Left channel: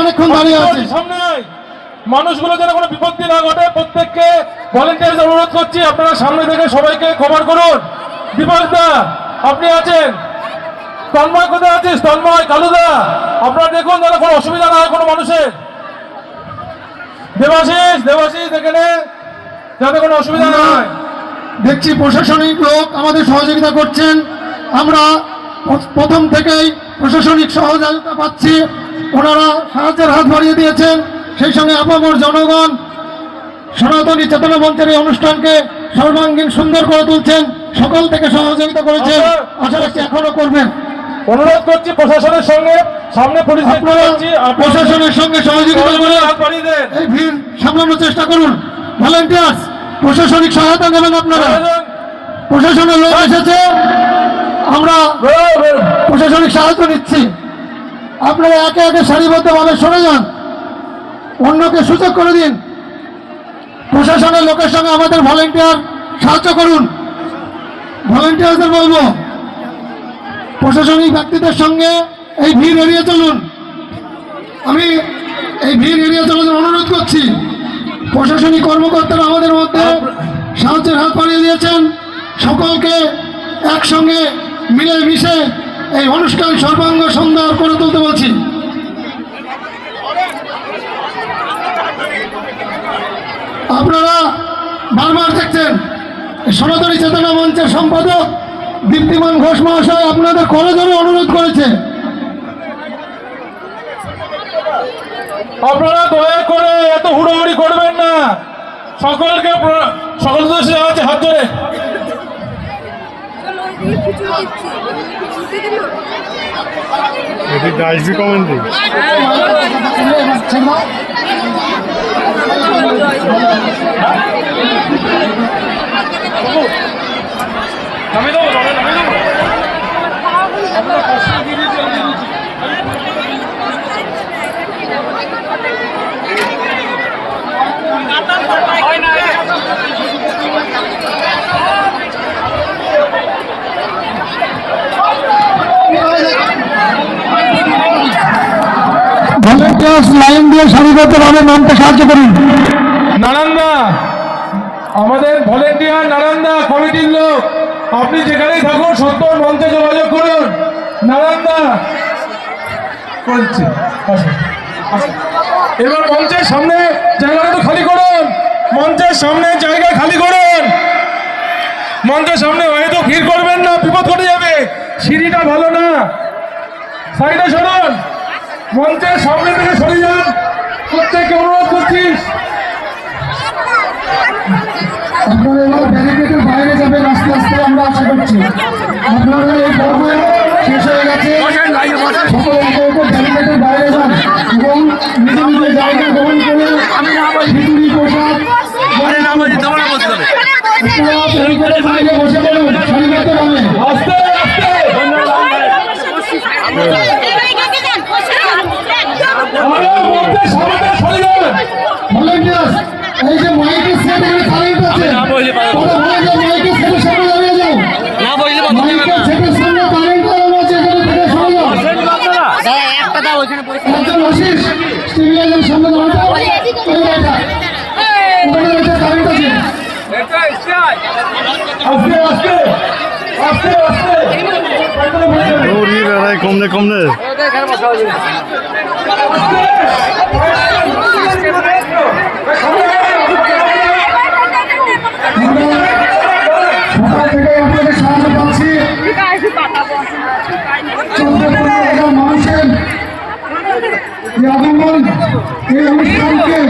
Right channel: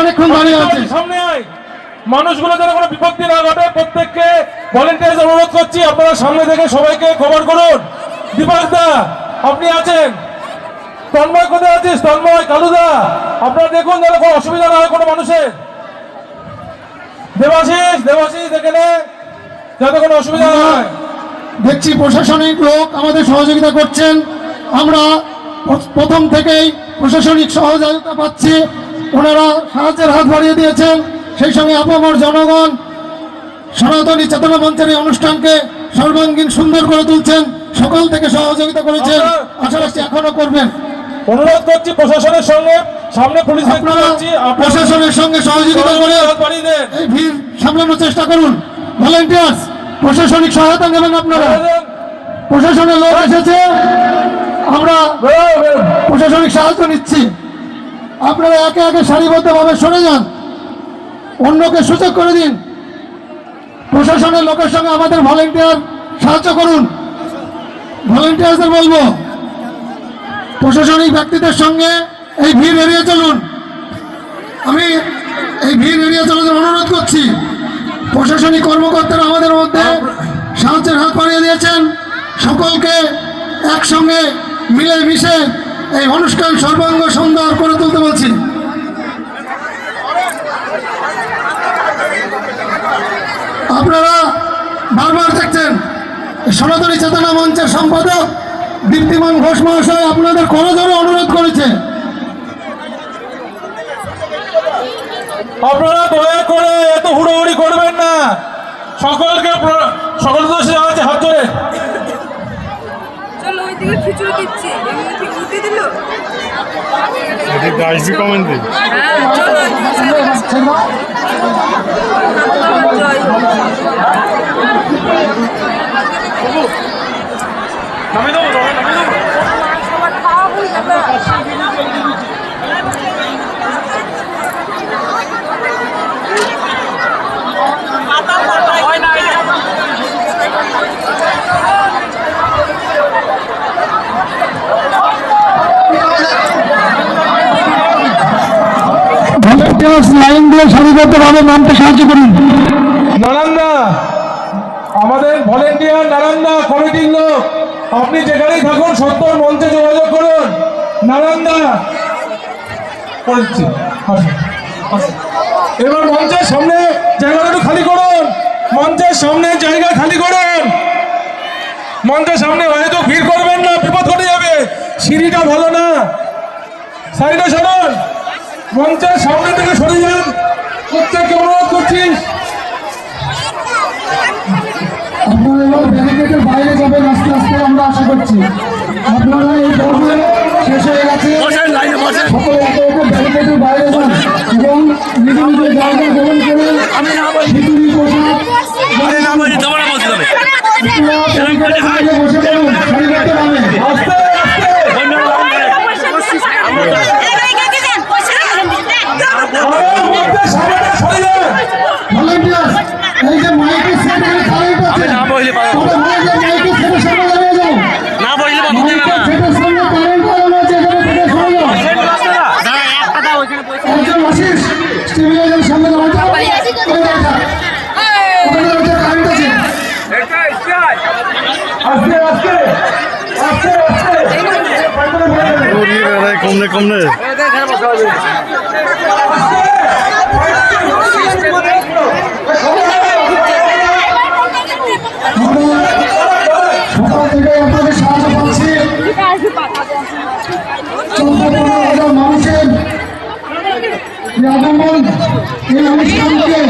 অনেকক্ষণ দাঁড়িয়ে আছে। সামনে মানুষগুলো যেন কোনো বিপত্তি না ঘটে, প্রত্যেককে ভলেন্টিয়ার অনুরোধ করছি আপনারা সামনে থেকে সবাইকে কভার করুন। দীপক দা আপনি আছেন, তন্ময় কোথায় আছিস? তন্ময়, কালুদা আপনারা দেখুন যেন কোনো অসুবিধা না হয় কোনো মানুষের। দেবাশিস এখানে যাতে কোনো অসুবিধা না হয়। দেখছি প্রশাসনিক লোক আমাদের সহযোগিতা করছেন, আমরা প্রথম থেকেই প্রশাসনিক সহযোগিতা পাচ্ছি, ওনারা সাহায্যের হাত বাড়িয়ে দিয়েছেন। সেই সঙ্গে আপামর জনগণ সনাতনী চেতনা মঞ্চের এই অনুষ্ঠানকে সর্বাঙ্গীন সুন্দর করে তুলছেন, সকল থেকে সহযোগিতা করেছেন, আশা রাখছি এখনো করবেন। অনুরোধ করছি প্রশাসনের সঙ্গে, সামনে পুলিশ প্রশাসনের সঙ্গে সহযোগিতা করে এই ভিড় সামলানোর চেষ্টা করুন। ভলেন্টিয়ার্স প্রশাসনিক সহায়তা নেবেন আপনারা। প্রশাসনের লোক এসেছে, আমরা প্রশাসনিক সাহায্য নিচ্ছি, আপনারা একে একে সারিবদ্ধভাবে সরে যান, অন্যকে সুযোগ করে দিন। প্রশাসনের লোকের সঙ্গে আমাদের ভলেন্টিয়ার সাহায্য করুন। ভলেন্টিয়ারদের বলবো প্রশাসনিক ব্যক্তিদের সঙ্গে এই ভিড় এড়িয়ে চলুন। আমি এই ভিড় এড়িয়ে চলার অনুরোধ করছি। প্রশাসনিক কর্মকর্তারা আমাদের মধ্যে সাহায্যের হাত বাড়িয়ে দিয়েছেন, সকলকে একসঙ্গে মিলেমিশে এই অনুষ্ঠান সর্বাঙ্গ সুন্দর করে তুলতে বলছি। আপনারা বারবার দেখছেন সনাতনী চেতনা মঞ্চের সম্পাদক দীপ্তিমান ঘোষ মহাশয় আপনাদের করজোড়ে অনুরোধ করেছে, আপনারা দয়া করে এত হুড়োহুড়ি করবেন না। সকলকে আছে হাত ধরে লাইন দিয়ে সারিবদ্ধভাবে নামতে সাহায্য করুন। নারায়ণদা আমাদের ভলেন্টিয়ার, নারায়ণদা কমিটির লোক, আপনি যেখানেই থাকুন সত্তর মঞ্চে যোগাযোগ করুন। নারায়ণদা করছি, এবার মঞ্চের সামনে জায়গাটা একটু খালি করুন, মঞ্চের সামনে জায়গা খালি করুন। মঞ্চের সামনে হয়তো ভিড় করবেন না, বিপদ ঘটে যাবে, সিঁড়িটা ভালো না, সাইডে সরুন, মঞ্চের সামনে থেকে সরে যান, প্রত্যেককে অনুরোধ করছিস। আপনারা এবার ব্যারিকেডের বাইরে যাবেন আস্তে আস্তে, আমরা আশা করছি। আপনারা এই পর্ব শেষ হয়ে গেছে, সকলে ব্যারিকেডের বাইরে যান এবং নিজ নিজ জায়গা গ্রহণ করে খিচুড়ি প্রসাদ ব্যারিকেডের বাইরে বসে পড়ুন সারিবদ্ধভাবে। এই যে মাইকের সেট কারেন্ট আছে, মাইকের সেটের সামনে দাঁড়িয়ে যাও, মাইকের সেটের সামনে কারেন্ট লাগানো আছে, সেটা থেকে সরে যাও। একজন আশিস স্টেবিলাইজারের সামনে দাঁড়াও, কারেন্ট আছে, আস্তে আস্তে আস্তে আস্তে কমনে সকাল থেকে আপনাদের সাহায্য পাচ্ছি। 14-15 হাজার মানুষের আগমন এই অনুষ্ঠানকে